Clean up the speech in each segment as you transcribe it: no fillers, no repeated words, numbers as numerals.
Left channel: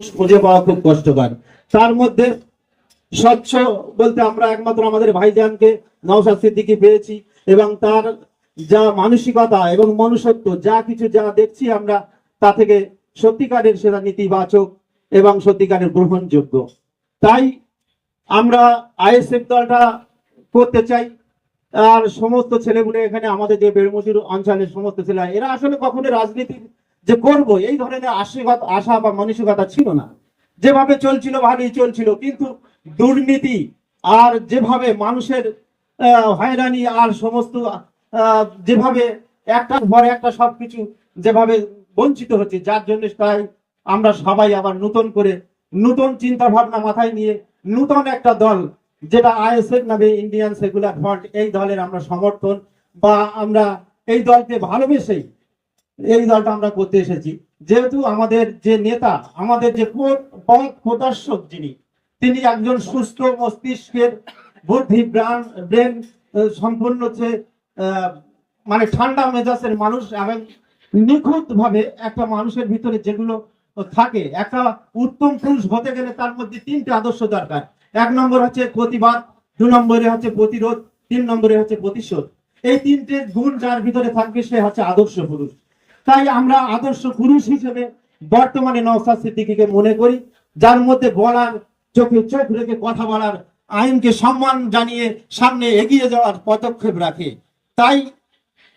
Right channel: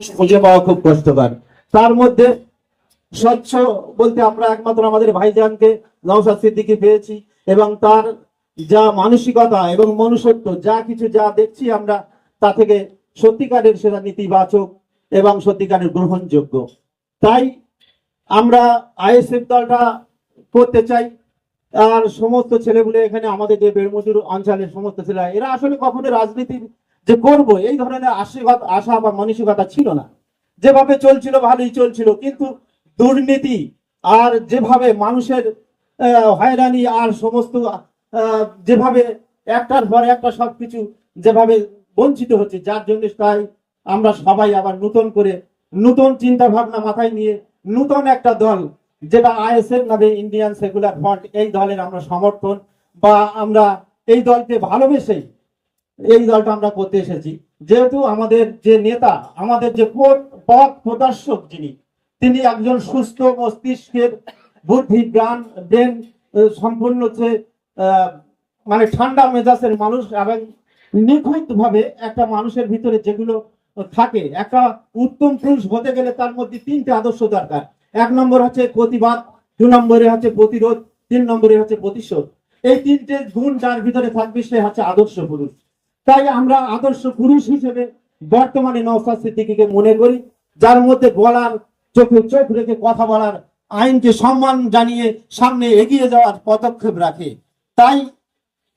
খুঁজে পাওয়া খুব কষ্টকর। তার মধ্যে স্বচ্ছ বলতে আমরা একমাত্র আমাদের ভাইজানকে নওশাদ সিদ্দিকী পেয়েছি, এবং তার যা মানসিকতা এবং মনুষ্যত্ব যা কিছু যা দেখছি আমরা, তা থেকে সত্যিকারের সেটা নীতিবাচক এবং সত্যিকারের গ্রহণযোগ্য। তাই আমরা আইএসএফ দলটা করতে চাই। আর সমস্ত ছেলেগুলো এখানে আমাদের যে বেড়মতির অঞ্চলের সমস্ত ছেলে, এরা আসলে কখনো রাজনীতির যে করব এই ধরনের আশা বা মানসিকতা ছিল না। যেভাবে চলছিল ভালোই চলছিল, কিন্তু দুর্নীতি আর যেভাবে মানুষের হয়রানি আর সমস্ত যেভাবে একটার পর একটা সবকিছু যেভাবে বঞ্চিত হচ্ছে, যার জন্য তাই আমরা সবাই আবার নতুন করে নতুন চিন্তা ভাবনা মাথায় নিয়ে নতুন একটা দল, যেটা আইএসএফ নামে ইন্ডিয়ান সেকুলার ফ্রন্ট, এই দলের আমরা সমর্থন বা আমরা এই দলকে ভালোবেসে এই দলটা আমরা করতে এসেছি। যেহেতু আমাদের যে নেতা, আমাদের যে পথ প্রদর্শক যিনি, তিনি একজন সুস্থ মস্তিষ্কের বুদ্ধি ব্রেন সম্পূর্ণ মানে ঠান্ডা মেজাজের মানুষ, এবং নিখুঁত ভাবে একটা মানুষের ভিতরে যেগুলো থাকে, একটা উত্তম পুরুষ হতে গেলে তার মধ্যে তিনটে আদর্শ দরকার। এক নম্বর হচ্ছে প্রতিবাদ, দু নম্বরে হচ্ছে প্রতিরোধ, তিন নম্বরে হচ্ছে প্রতিশোধ। এই তিনটে গুণ যার ভিতরে থাকবে সে হচ্ছে আদর্শ পুরুষ। তাই আমরা আদর্শ পুরুষ হিসেবে বর্তমানে নওশাদ সিদ্দিকীকে মনে করি, যার মধ্যে বলার, চোখে চোখ রেখে কথা বলার, আইনকে সম্মান জানিয়ে সামনে এগিয়ে যাওয়ার পদক্ষেপ রাখে। তাই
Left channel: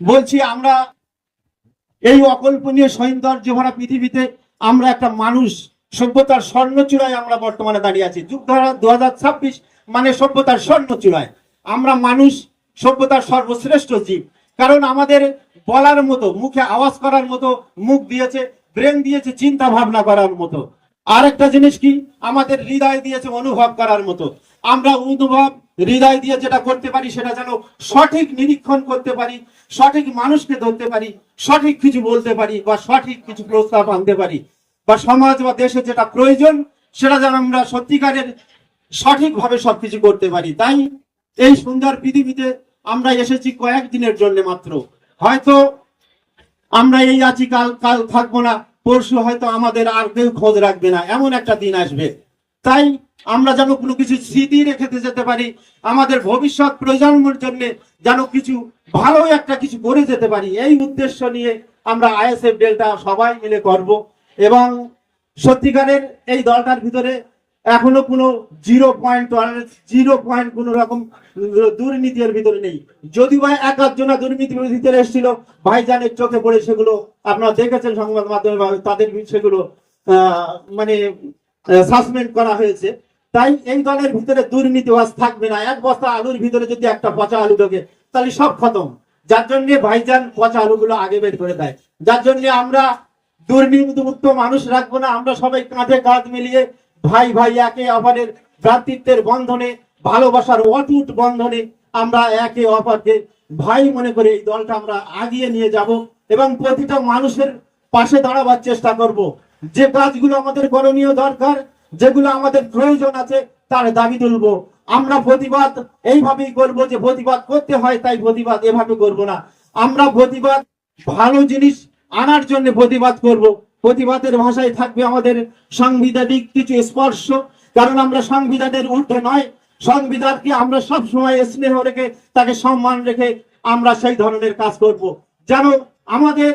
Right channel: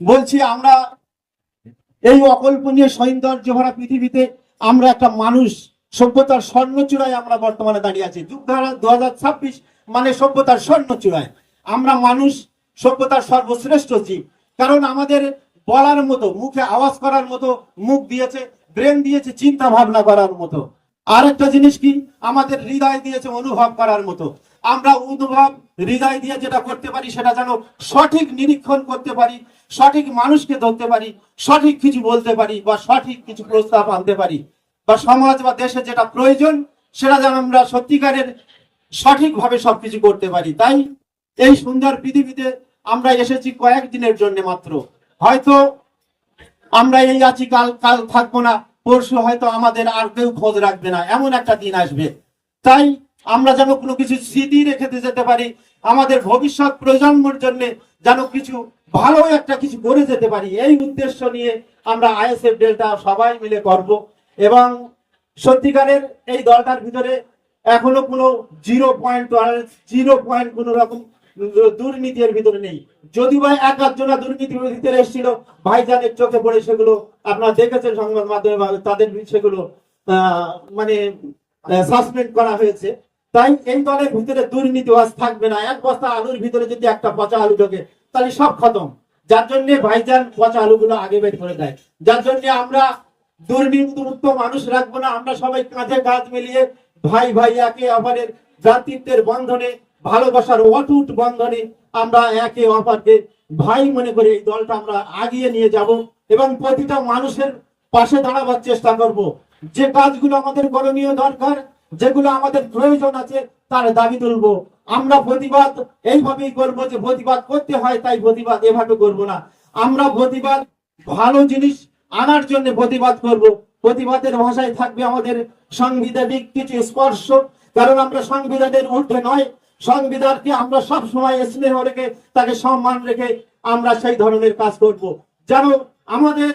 বলছি, আমরা এই অকল্পনীয় সৌন্দর্য ভরা পৃথিবীতে আমরা একটা মানুষ, সভ্যতার স্বর্ণচূড়ায় আমরা বর্তমানে দাঁড়িয়ে আছি। যুগধারা 2026 মানে সভ্যতার স্বর্ণচূড়ায় আমরা মানুষ, সভ্যতার সর্বশ্রেষ্ঠ জীব। কারণ আমাদের বলার মতো, মুখে আওয়াজ করার মতো মুখ দিয়েছে, ব্রেন দিয়েছে চিন্তা ভাবনা করার মতো। আর একটা জিনিস কি, আমাদের হৃদয় দিয়েছে অনুভব করার মতো। আমরা অনুভব হৃদয় দিয়ে যেটা করতে পারি সেটা যেন সঠিক নিরীক্ষণ করতে পারি, সঠিক মানুষকে ধরতে পারি, সঠিক কিছু বলতে পারি বা সঠিক কিছু প্রস্তাব আনতে পারি, বা সমাজ বা দেশে যেটা প্রয়োজন সেটা যেন আমরা সত্যিকারের সঠিকভাবে সবকিছু করতে পারি। তাই এই সুন্দর পৃথিবীতে আমরা এসেছি কয়েকদিনের জন্য মাত্র। হয়তো আমরা এই আছি, কাল কাল থাকবো না, পরশু হয়তো আমাদের আর কেউ খোঁজ রাখবে না, এমন একটা দিন আসবে। তাই আমরা যেন কোনো কিছু স্মৃতি রেখে যেতে পারি, আমাদের ভবিষ্যৎ প্রজন্মের জন্য যেন কিছু ভালো একটা কিছু করে যেতে পারি, এই উদ্দেশ্য নিয়ে আমরা আইএসএফ ডেলটা সবাই মিলে করব। এবং সত্যিকারের এই দলটার ভিতরে এখনো কোনো 0.0 কোন রকম দুর্নীতির ভিতরে নেই। যদি বা এক আধজনা দুর্নীতির ভিতরে এসেছিল, ভাইজানের চোখে পড়ে, সেগুলো আপনারা দেখেছেন সংবাদ মাধ্যমে, তাদের সেগুলো মানে সাসপেন্ড করা হয়েছে। তাই এই দলের ভিতরে দুর্নীতিবাজ থাকবে না। এক বস্তা আলুর ভিতরে যদি একটা পচা আলু ঢোকে তাহলে সব খতম। যার জন্য ভাইজান পচা আলুগুলো আগে বের করে দেয়। যার জন্য আমরা দুর্নীতিমুক্ত মানুষ রাখবো না। আমরা সবাই কাঁধে কাঁধ মিলিয়ে ভাই ভাই একে অপরের ভ্রাতৃত্বের বন্ধনে, ভালোবাসার অটুট বন্ধনে আমরা একে অপরকে ভাই মনে করে এই দলটা আমরা আগিয়ে নিয়ে যাব, এবং প্রতিটা মানুষের পাশে দাঁড়াবার চেষ্টা করব। যে কাজগুলো আমাদের করণীয় দরকার, যেগুলো আমাদের প্রয়োজন আছে, তার দাবি তুলবো। আমরা প্রতিবাদ এইভাবেই করব, যে প্রতিবাদ করতে হয় তাই প্রতিবাদ এভাবে করব না। আমরা প্রতিবাদ ভালো জিনিস আনার জন্য প্রতিবাদ করব। প্রতিবাদের ভাষায় থাকবে আমাদের সাংবিধানিক কিছু স্পর্শ, কারণ আমরা সংবিধানের ঊর্ধ্বে নয়। সংবিধানকে আমরা সব সময় স্নেহ রেখে, তাকে সম্মান রেখে আমরা সেই ধরনের কাজ করব, যেন আমাদের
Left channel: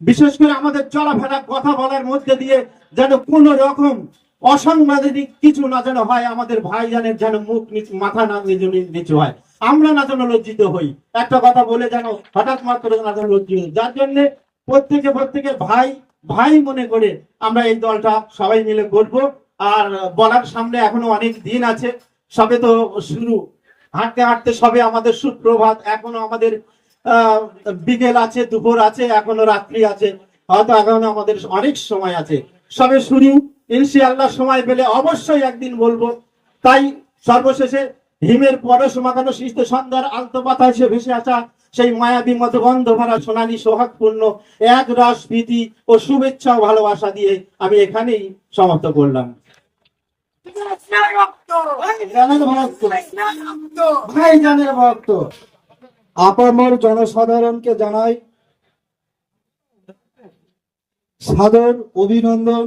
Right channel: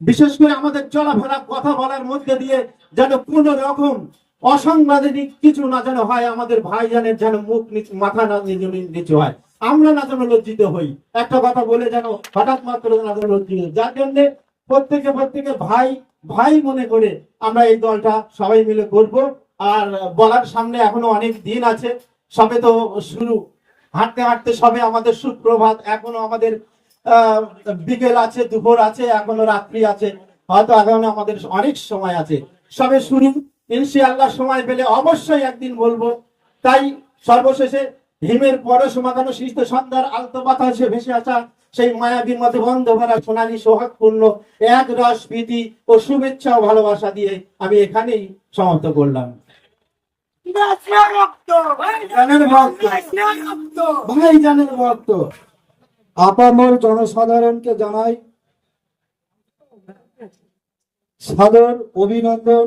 বিশেষ করে আমাদের চলাফেরা কথা বলার মধ্যে দিয়ে যেন কোন রকম অসাংবিধানিক কিছু না যেন হয়। আমাদের ভাইজানের যেন মুখ মাথা না নিচু হয়, আমরা না যেন লজ্জিত হই, একটা কথা বলে যেন হঠাৎ মাত্র না যেন লজ্জিত। যার জন্য প্রত্যেকে ভাই ভাই মনে করে আমরা এই দলটা সবাই মিলে করব। আর বলার সামনে এখনো অনেক দিন আছে, সবে তো শুরু, হাঁটতে হাঁটতে সবে আমাদের সুপ্রভাত, এখনো আমাদের বিকেল আছে, দুপুর আছে, এখনো রাত্রি আছে, হয়তো এখনো আমাদের অনেক সময় আছে। সবে শুরু, ইনশাআল্লাহ সময় পেলে অবশ্যই একদিন বলবো। তাই সর্বশেষে হিমের পরশ মাখানো শীত সন্ধ্যার আলতো বাতাসে ভেসে আসা সেই মায়াবী মতো গন্ধ ভরা সোনালী সোহাগপূর্ণ এক রস প্রীতি ও শুভেচ্ছা ও ভালোবাসা দিয়ে আমি এখানেই সমাপ্ত করলাম। ভাইজানের ভক্ত আপামর জনসাধারণকে জানাই সাদর অভিনন্দন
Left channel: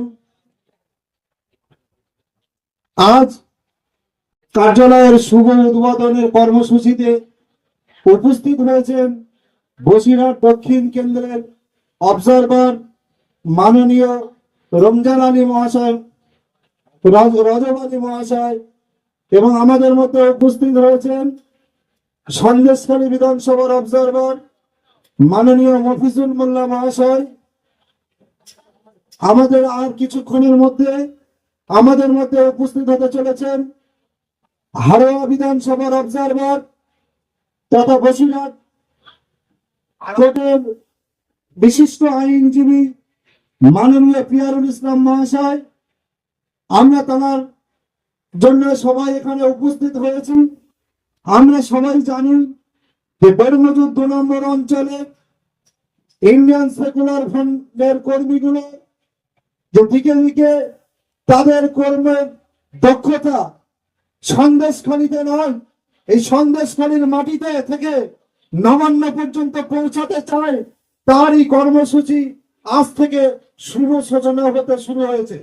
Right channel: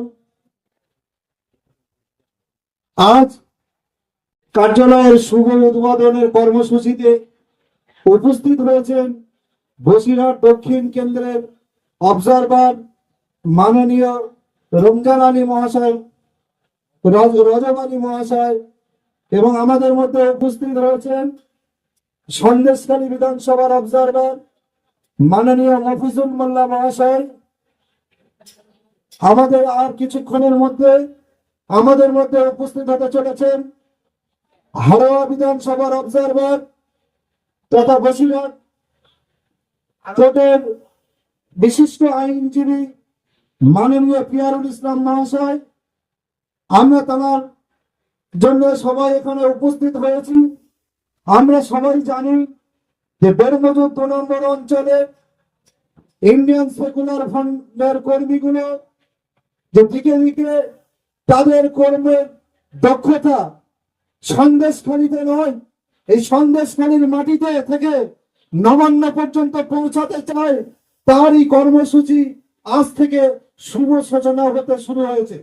আজ কার্যালয়ের শুভ উদ্বোধনের কর্মসূচিতে উপস্থিত হয়েছেন বসিরহাট দক্ষিণ কেন্দ্রের অবজারভার মাননীয় রমজান আলী মহাশয়, রজব আলী মহাশয়, এবং আমাদের মধ্যে উপস্থিত রয়েছেন সন্দেশখালী বিধানসভার অবজারভার মাননীয় মফিজুল মোল্লা মহাশয়। আমাদের আর কিছুক্ষণের মধ্যে আমাদের মধ্যে উপস্থিত হতে চলেছেন হাড়োয়া বিধানসভার অবজারভার তথা বসিরহাট কোর্টের বিশিষ্ট আইনজীবী মাননীয় পিয়ারুল ইসলাম মহাশয়। আমরা তার জন্য সবাই এখানে উপস্থিত হয়েছি। আমরা সবাই জানি যে বেরমজুর 2 নম্বর অঞ্চলে ইন্ডিয়ান সেকুলার ফ্রন্টের কর্মীগুলো যে দিকে দিকে তাদের কর্মের দক্ষতা সন্দেশখালীতে নয়, এই সন্দেশখালীর মাটিতে থেকে নবান্ন পর্যন্ত পৌঁছাতে চায়, তারই কর্মসূচি আজ থেকে শুভ সূচনা হতে শুরু হয়েছে।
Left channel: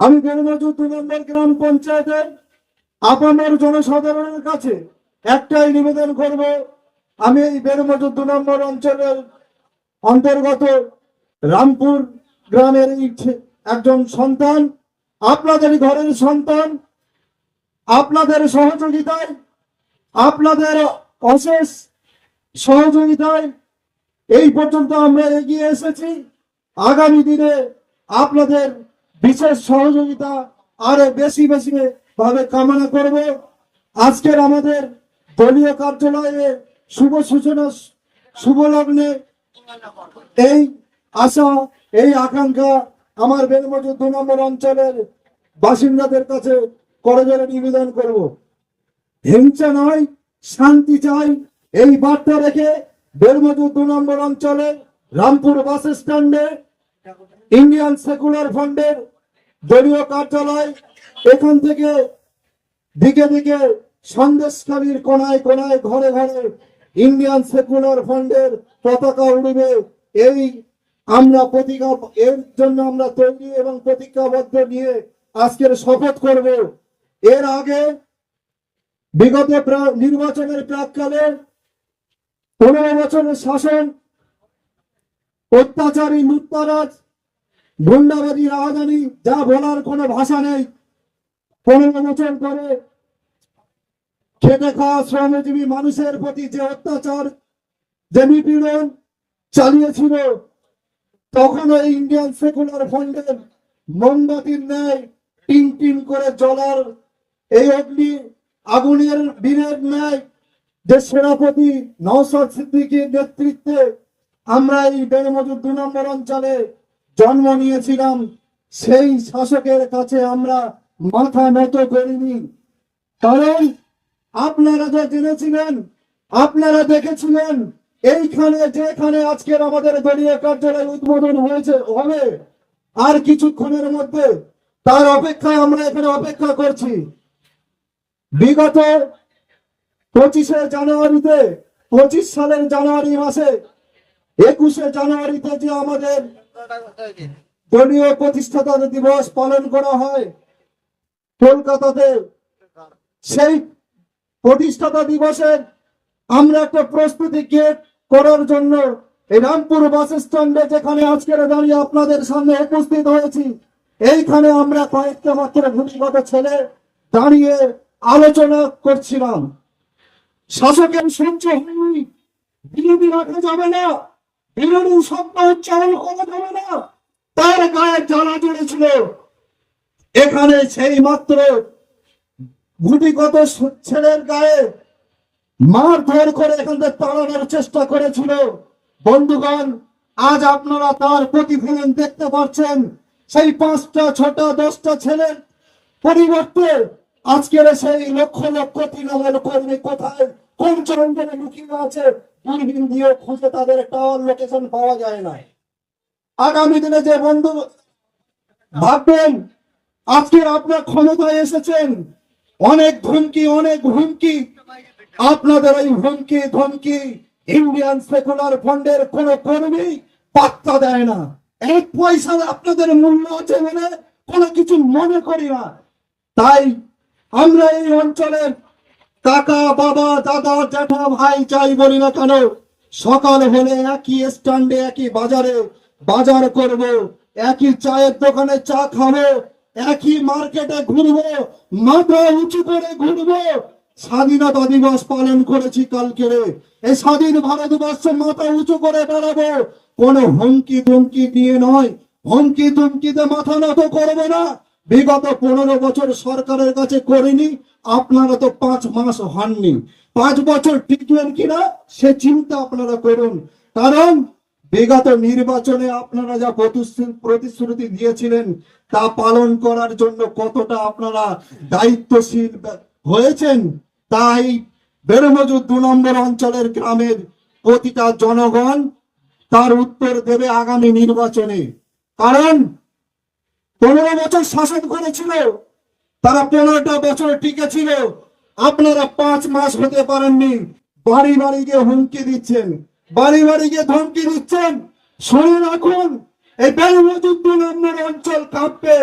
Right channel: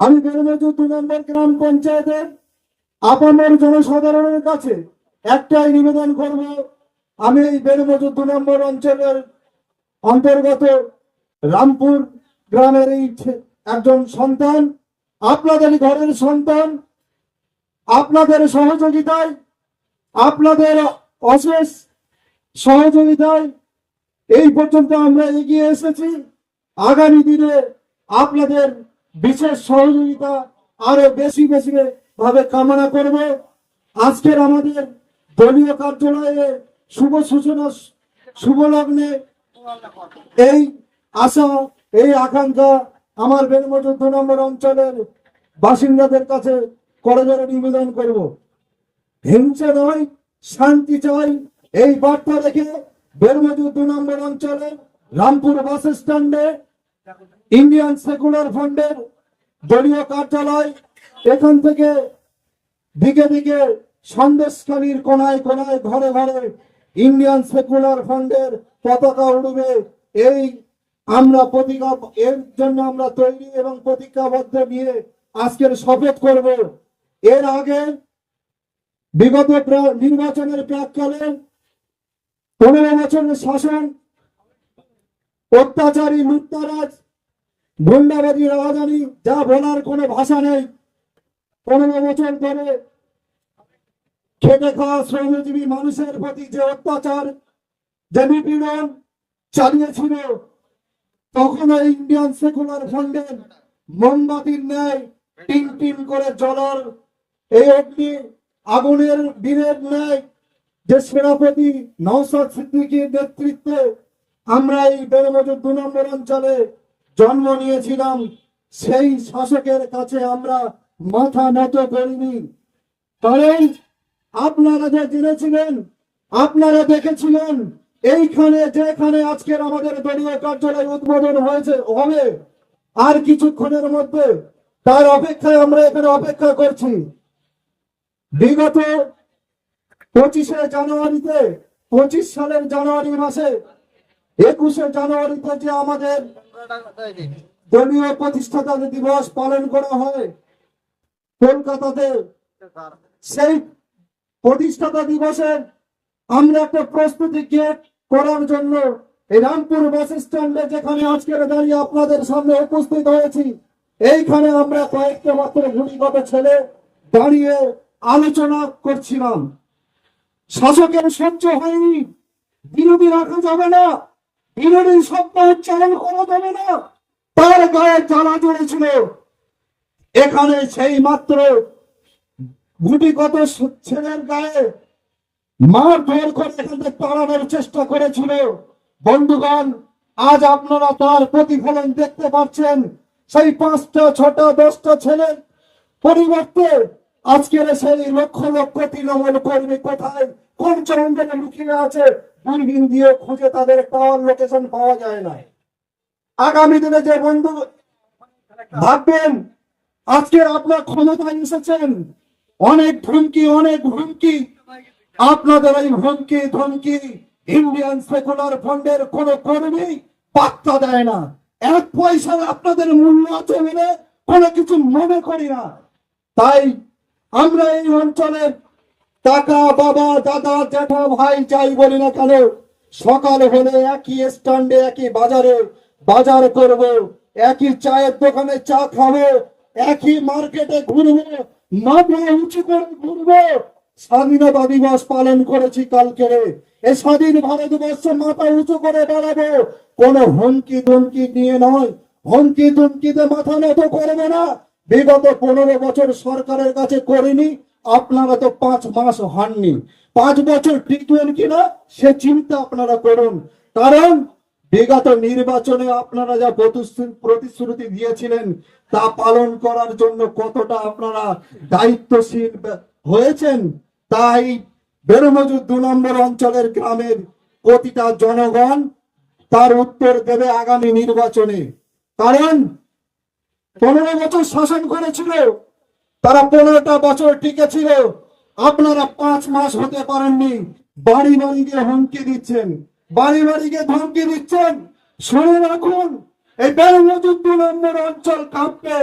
আমি বেরমজুর 2 নম্বর গ্রাম পঞ্চায়েতের আপামর জনসাধারণের কাছে একটাই নিবেদন করব, আমি এই বেরমজুর 2 নম্বর অঞ্চলের অন্তর্গত রামপুর গ্রামের এই একজন সন্তান, আপনাদের ঘরের সন্তান। আপনাদের সহযোগিতায়, আপনাদের অশেষ সহযোগিতায় এই পর্যন্ত আমরা এগিয়ে এসেছি। আগামী দিনে আপনাদের বিশেষ সহযোগিতা আরো বেশি বেশি ভাবে কামনা করব। আজকের আমাদের দলীয় কার্যালয়ে শুভ সূচনা শুভ লগ্নে এই আশা, এই আকাঙ্ক্ষা আমার বেরমজুর 2 নম্বর অঞ্চলের বাসিন্দাদের কাছে করজোড়ে নিবেদন করব। হিংসা নয়, শান্তি চাই, এই বার্তা রেখে বেরমজুর 2 নম্বর অঞ্চলের রামপুর বাস স্ট্যান্ডে ইন্ডিয়ান সেকুলার ফ্রন্টের দলীয় কার্যালয়, এখান থেকে দিকে দিকে সন্দেশখালীর কোনায় কোনায় ঘরে ঘরে ইন্ডিয়ান সেকুলার ফ্রন্টের পতাকা উড়বে। এই আমরা প্রতিজ্ঞা, এর জন্য আমরা তৈরি এবং প্রতিজ্ঞাবদ্ধ নিয়ে আজকের শপথ করব। এর আগে বিগত নির্বাচনের প্রাককালে 15 বছরের শাসন, অত্যাচারী, লুটতারাজ, গুন্ডাবাজি, রাজধানী, যা বলার কোনো ভাষা নেই। 15 বছর ধরে খেটে খাওয়া শ্রমজীবী মানুষের প্রতি যে অত্যাচার, যে নিপীড়ন চালিয়েছিল, তখন এই ইন্ডিয়ান সেকুলার ফ্রন্টের মোমবাতির ন্যায় টিম টিম করে জ্বলার এই অগ্নি আগুনের বীরের ন্যায় যে সেনাপতি নওশাদ সিদ্দিকীর নেতৃত্বে আমরা এই বেরমজুর 2 নম্বর অঞ্চলে জন্ম নিয়েছিলাম, সেই শাসকের কাছে আমরা মাথা নত করিনি। কারণ আপনারা যা জেনেছিলেন, আপনারা দেখেছিলেন, এইখানে যেখানে আজকের আমাদের দলীয় কার্যালয় উদ্বোধন হবে আর কিছুক্ষণের মধ্যে, তার অপেক্ষায় আমরা এখানে অপেক্ষা করছি। বিগত 25শে জানুয়ারিতে, 25 সালের জানুয়ারি মাসে 21শে জানুয়ারিতে যে আমাদের দলীয় প্রতিষ্ঠাতা দিবস পালন করা হয় কলকাতাতে, সেই প্রতিষ্ঠাতা দিবসে আমরা একটা প্রস্তুতি গেট করার জন্য এই রামপুর বাস স্ট্যান্ডে, যেখানে আজকের দাঁড়িয়ে আপনাদের সামনে উপস্থিত হয়েছি, এইখানে আমরা কয়েকটা মাত্র ভূমিগত ছেলে দাঁড়িয়ে আলোচনা করছিলাম। শাসকের সহ্য হয়নি, বিরোধী রাখা যাবে না, বিরোধী শব্দ উচ্চারণ করা যাবে না, তার গায়ে জ্বালা জ্বলেছিল। এখানে সেই মাত্র গুটিগত ছেলের গায়ে মারধর করে এখান থেকে তাড়ানোর চেষ্টা করেছিল। বন্ধুগণ, আজ আপনারা তার প্রতিফলন দেখতে পাচ্ছেন। সেই 5টা 6টা 10টা ছেলের পরিবর্তে আজকের সেই লক্ষ লক্ষ তৃণমূল কর্মী কোথায়, কোন চরণে লুকিয়ে আছে, দূরবীন দিয়ে খুঁজে তাদের টাওয়ার লোকেশন পাওয়া যায় না। আগামী দিনে যে বন্ধু ভাববেন আজকের আপনার ক্ষমতায় এসেছেন, অনেক ধমকি, অনেক হুমকি, আপনাদের এই হুমকি ধমকি ইন্ডিয়ান সেকুলার ফ্রন্টের কোন কর্মী পাত্তা দেয় না। এক পয়সার আপনাদের মূল্য আছে বলে কোনো কিছু মনে করি না। তাই আমরা এই অঞ্চলের কাকা বাবা দাদা জ্যাঠা ভাই যাই বলি না কেন, সকাল হলে একই স্ট্যান্ডে একই বাজারে বাজার করব, একই চায়ের দোকানে চা খাবো, একই মার্কেটে ঘুরবো, মাথা উঁচু করে ঘুরবো। স্বাধীনতা দিবস পালন করেছি কালকে, এই স্বাধীন ভারতবর্ষে মাথা উঁচু করে বেড়াবো, কোনো হুমকি ধমকি নিয়ে নয়। হুমকি ধমকিতে মাথা নত করবো না। বিগত 15 বছর সরকারের কাছে করিনি, আপনারা তো 5 মাস হননি, 5 বছর টিকবেন কিনা সে চিন্তা আপনারা করুন। কারণ বিগত নির্বাচনে আপনারা যা প্রতিশ্রুতি দিয়েছিলেন তা পালন করার জন্য কতটা আপনারা দায়িত্বশীল হয়েছেন, তাই বেরমজুর 2 নম্বর অঞ্চলের গ্রামের প্রতিটা জনগণ তার উত্তর দেবে আগামী নির্বাচনে। কারণ 15 বছর শাসন করেছিল, তারা 15টা বছর টিকে ছিল, আপনারা 5 মাস হতে পারেননি। বাড়ি বাড়ি গিয়ে হুমকি দিচ্ছেন, বাড়ি বাড়ি গিয়ে ধমকি দিচ্ছেন। শুনে রাখুন, এই বেরমজুর 2 নম্বর অঞ্চল কাঁপবে।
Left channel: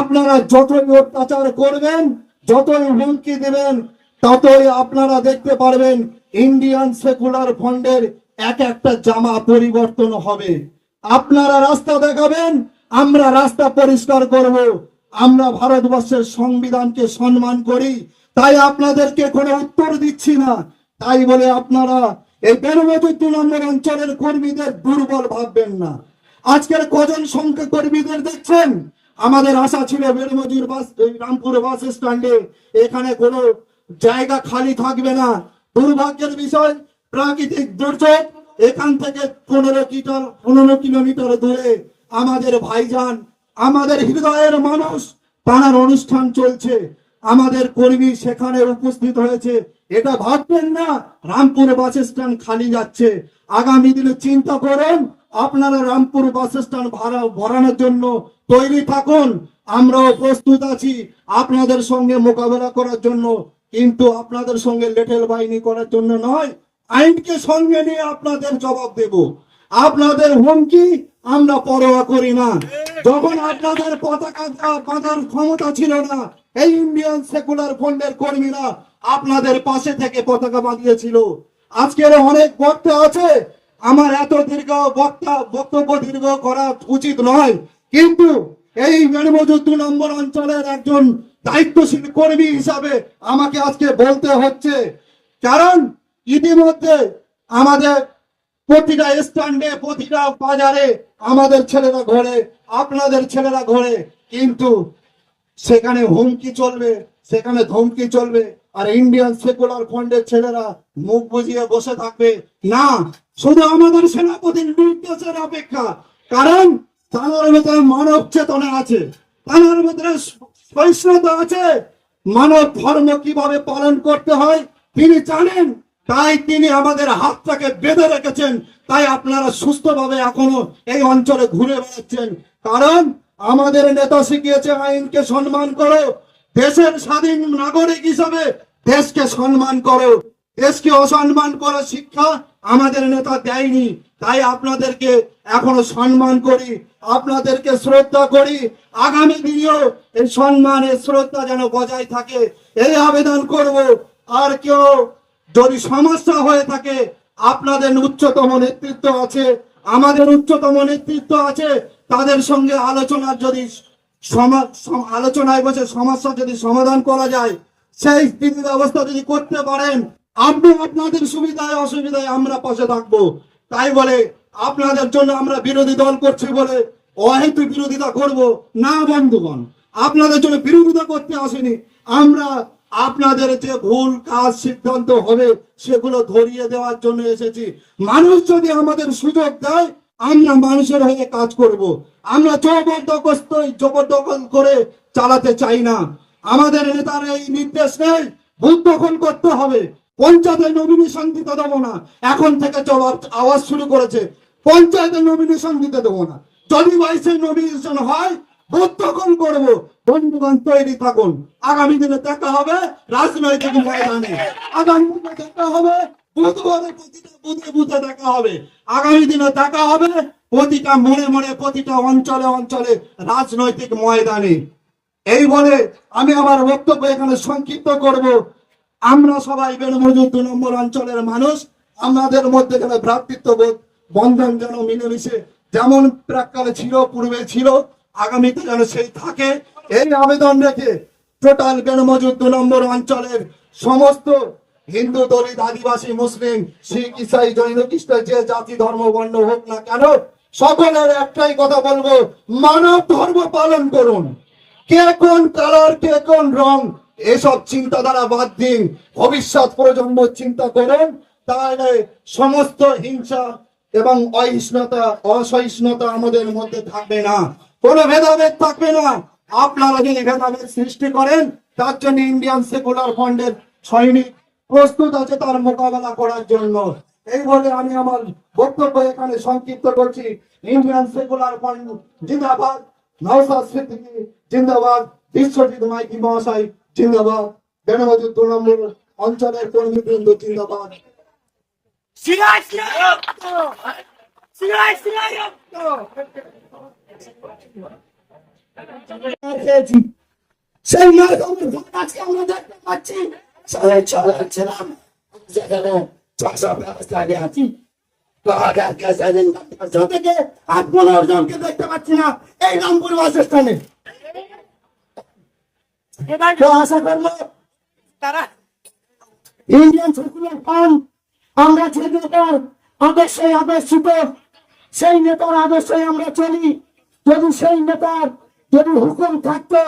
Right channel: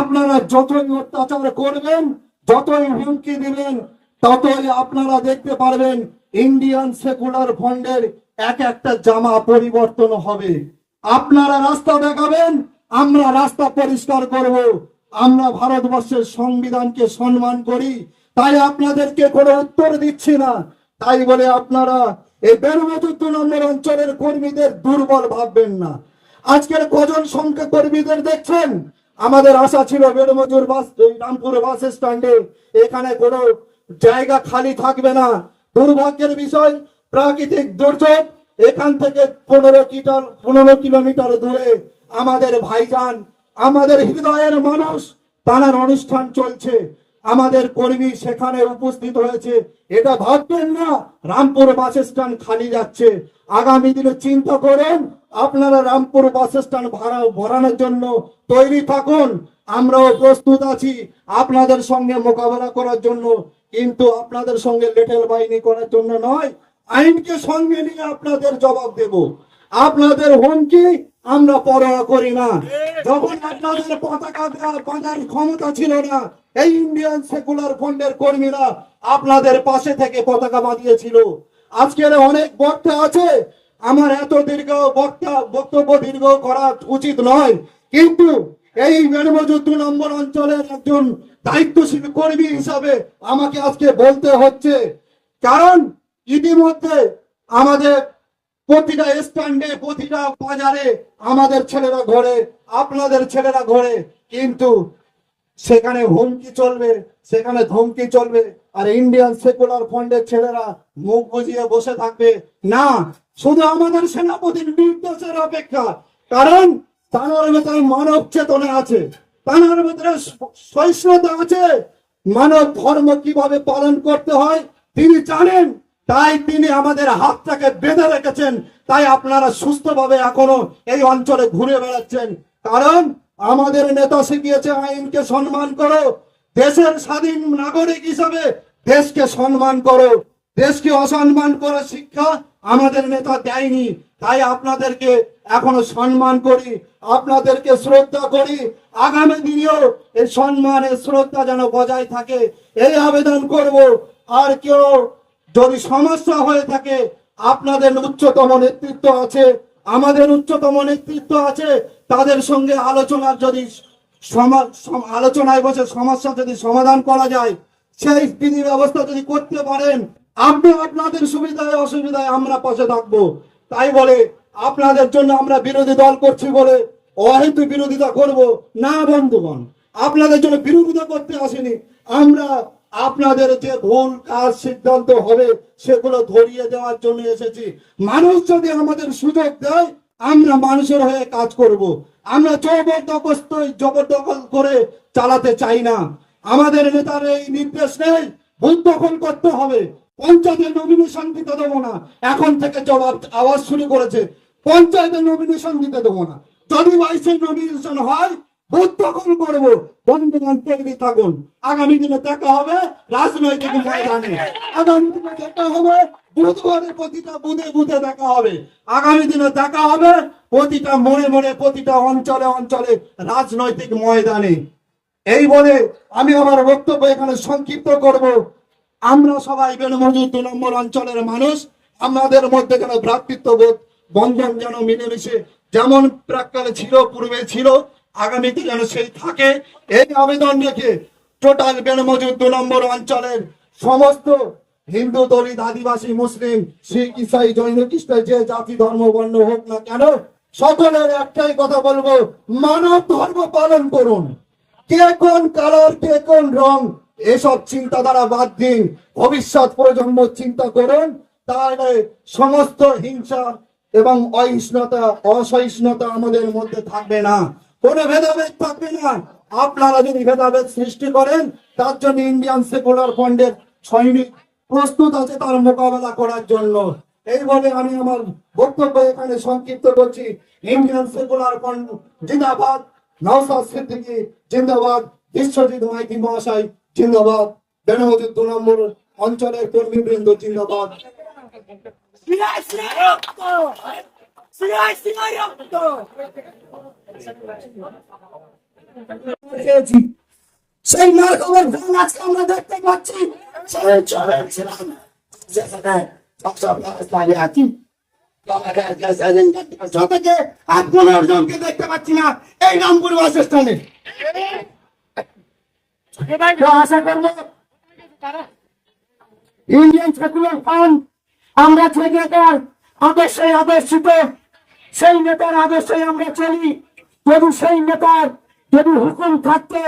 আপনারা যতই অত্যাচার করবেন, যতই হুমকি দিবেন, ততই আপনারা দেখতে পারবেন ইন্ডিয়ান সেকুলার ফ্রন্টের এক একটা জামা পরিবর্তন হবে। আপনারা রাস্তা দেখাবেন, আমরা রাস্তা পরিষ্কার করব। আমরা ভারতবর্ষের সংবিধানকে সম্মান করি, তাই আপনাদেরকে কোনো উত্তর দিচ্ছি না। তাই বলে আপনারা এই বেরমজুর 2 নম্বর অঞ্চলের কর্মীদের দুর্বল ভাববেন না। আজকের কজন সংখ্যা কর্মীদের দেখছেন, আমাদের আশা ছিল বেরমজুর রামপুর বাস স্ট্যান্ডে এখানে কোনো জায়গা খালি থাকবে না। দুর্ভাগ্যের বিষয়, প্রাকৃতিক দুর্যোগ, এখান থেকে 15 কিলোমিটার দূরে আমাদের ভাইজান, আমাদের হৃদয়ের মানুষ, তার অনুষ্ঠান চলছে, আমাদের কর্মী সেখানে উপস্থিত হয়েছে। এটা ভাববেন না রামপুর বাস স্ট্যান্ড খালি যাচ্ছে। আগামী দিনে চিন্তা করেন, আপনারা রামপুর বাস স্ট্যান্ড ভরানোর জন্য তৈরি থাকুন। আমরাও প্রস্তুত আছি আপনাদের সঙ্গে মোকাবেলা করার জন্য, কিন্তু আপনাদের সঙ্গে লেঠেল বাহিনী করার জন্য নয়। আইনকে সঙ্গে নিয়ে আপনাদের জবাব দেব। আপনাদের হুমকি আমরা পরোয়া করি না। যখন আপনাদের পতাকা বাঁধার ক্ষমতা ছিল না, এই ইন্ডিয়ান সেকুলার ফ্রন্টের কর্মীরা আপনাদের পাশে থেকে পতাকা বাঁধিয়েছিল। আজকের অনেক বক্তা আছে, আমার এত বক্তব্য দীর্ঘ করা উচিত নয়, কিন্তু এই বেরমজুর 2 নম্বর অঞ্চলের একজন দায়িত্বশীল কর্মী হিসাবে আমাকে আজকে বলতে হচ্ছে। কারণ ইতিমধ্যে আমাদের প্রতিটা স্ট্যান্ডে, প্রতিটা বাজারে আমাদের ছেলেরা ঘোরে, আপনাদের ছেলেরা ঘোরে, কিন্তু সেখানে হুমকি চলবে, সেখানে ধমকি চলবে, আর ইন্ডিয়ান সেকুলার ফ্রন্টের ছেলেরা মুখ বুজিয়ে বসে থাকবে না। শুধু আমাদের সেনাপতির নির্দেশের অপেক্ষা। কারণ তার ভেতরে মানব চেতনা আছে, তার ভেতরে সহিষ্ণুতা আছে, মানব ধর্ম কিভাবে পালন করতে হয় তিনি জানেন। তাই তিনি আমাদের হাতটাকে বেঁধে রেখেছেন, তাই আপনারা সুস্থভাবে এখনো এই অঞ্চলে ঘুরে বেড়াচ্ছেন। কারণ আমাদের নেতা শিখিয়েছে আইনকে সম্মান করো, দেশের স্বাধীন নাগরিক হিসাবে দেশকে সম্মান করো। দেশকে অসম্মান করার শিক্ষা আমাদের নেতা দেয়নি, তাই আপনাদেরকে এখনো সম্মান করি, আপনাদেরকে শ্রদ্ধা করি। আগামী দিনেও এই সম্মান, এই শ্রদ্ধা যেন বজায় থাকে, এই আবেদন করব। আর কেউ যদি সমস্যা হয়ে থাকে, আপনাদের উচ্চতম নেতৃত্ব আছে, আমাদের উচ্চতম নেতৃত্ব আছে, তাদের সঙ্গে আলোচনার যদি আলোচনায় বসে সমস্যা যদি সমাধান করা যায়, সেই বিধি ব্যবস্থা যদি করতে পারেন, আপনি আপনাদের সুবিধায় অসুবিধায় আমরা পাশে থাকবো। তাই বলে আপনাদের জন্য আমরা বিরোধী দল করছি বলে অহেতু বিরোধিতা করব না বন্ধুগণ। আপনাদের জন্য বিরোধিতা করতে আসেনি, আমরা আপনাদের যে ভুল কাজ সিদ্ধান্ত হবে সেগুলো ধরিয়ে দেওয়ার জন্য এসেছি। মানুষ যদি আমাদের সুযোগ দেয়, আমরা মানুষের হয়ে কাজ করব। আমরা জবরদখল করে চালাতে চাই না। আমাদের নেতার এই নির্দেশ নেই ভূত দখল করতে হবে, পঞ্চায়েতের নমিনেশন দিতে দেবো না। এখন থেকে জবাব আওয়াজ শুরু করেছে, পঞ্চায়েতের নমিনেশন দিতে দেবো না। যদি বাইসের নমিনেশন হয় ভোট দখল করবো। বন্ধুগণ তৈরি থাকুন, আগামী দিনে দেখা হবে রাজনৈতিক ময়দানে, আগামী দিনে দেখা হবে বুধবারে প্রতিটা বুধে বুধে দেখা হবে, আগামী দিনে দেখা হবে প্রতিটা মোড়ে মোড়ে, প্রতিটা অঞ্চলে অঞ্চলে, রাজনৈতিক ময়দানে। এই বলে আমি আমার বক্তব্য এখানে সংক্ষিপ্ত করব। আমরা সবাই বেনমজুর 2 নম্বর অঞ্চলের মানুষ, আমাদের মধ্যে যেন ভ্রাতৃত্ববোধ বন্ধন যেন মিলেমিশে যেমন প্রাককালে ছিল, পূর্বে ছিল, আগামীতে যেন সেই থাকে, এই আবেদন রেখে টোটাল বেনমজুর 2 নম্বর অঞ্চলের সমস্ত হিন্দু, দলিত, আদিবাসী, মুসলিম, শিখ, ইসাই, জৈন, খ্রিস্টান, যে জাতি ধর্ম বর্ণ হোক না কেন, সকলের একটাই কথা বলবো, মানব ধর্ম পালন করুন। কে কোন কালার, কে কোন রং, এসব চিন্তাধারা বাদ দিন, ভবিষ্যৎ প্রজন্ম চিন্তা করুন। তাহলে সমস্ত হিংসা এবং অহিষ্ণুতা, অসহিষ্ণুতা আমাদের মধ্যে থাকবে না, কোনো ভেদাভেদ থাকবে না। আপনারা যদি ভেদাভেদ সৃষ্টি করেন, তার জন্য ইন্ডিয়ান সেকুলার ফ্রন্টের সৈনিক প্রস্তুত আছে তার মোকাবেলা করার জন্য। এই বলে আমি আমার বক্তব্য এখানে সংক্ষিপ্ত করছি। ইন্ডিয়ান সেকুলার ফ্রন্ট জিন্দাবাদ, নওশাদ সিদ্দিকী জিন্দাবাদ, বিশ্বজিৎ মাইতি মহাশয় জিন্দাবাদ, বেনমজুর 2 নম্বর অঞ্চলের কর্মীবৃন্দ জিন্দাবাদ। সেই মার খবর ফল আজকে আমরা দেখতে পাচ্ছি। ছিলাম সেখানে 600 প্লাস দাঁড়িয়ে আছি, থেকে 15 জনকে দেখতে পাচ্ছি না এই রামপুর বাস স্ট্যান্ডে। আশা করবো ইন্ডিয়ান সেকুলার ফ্রন্ট, আমরা যে নেতার আদর্শে আদর্শিত, সেই নেতার আদর্শে আমরা চলি। যদি সেই নেতার যদি হুকুম থাকতো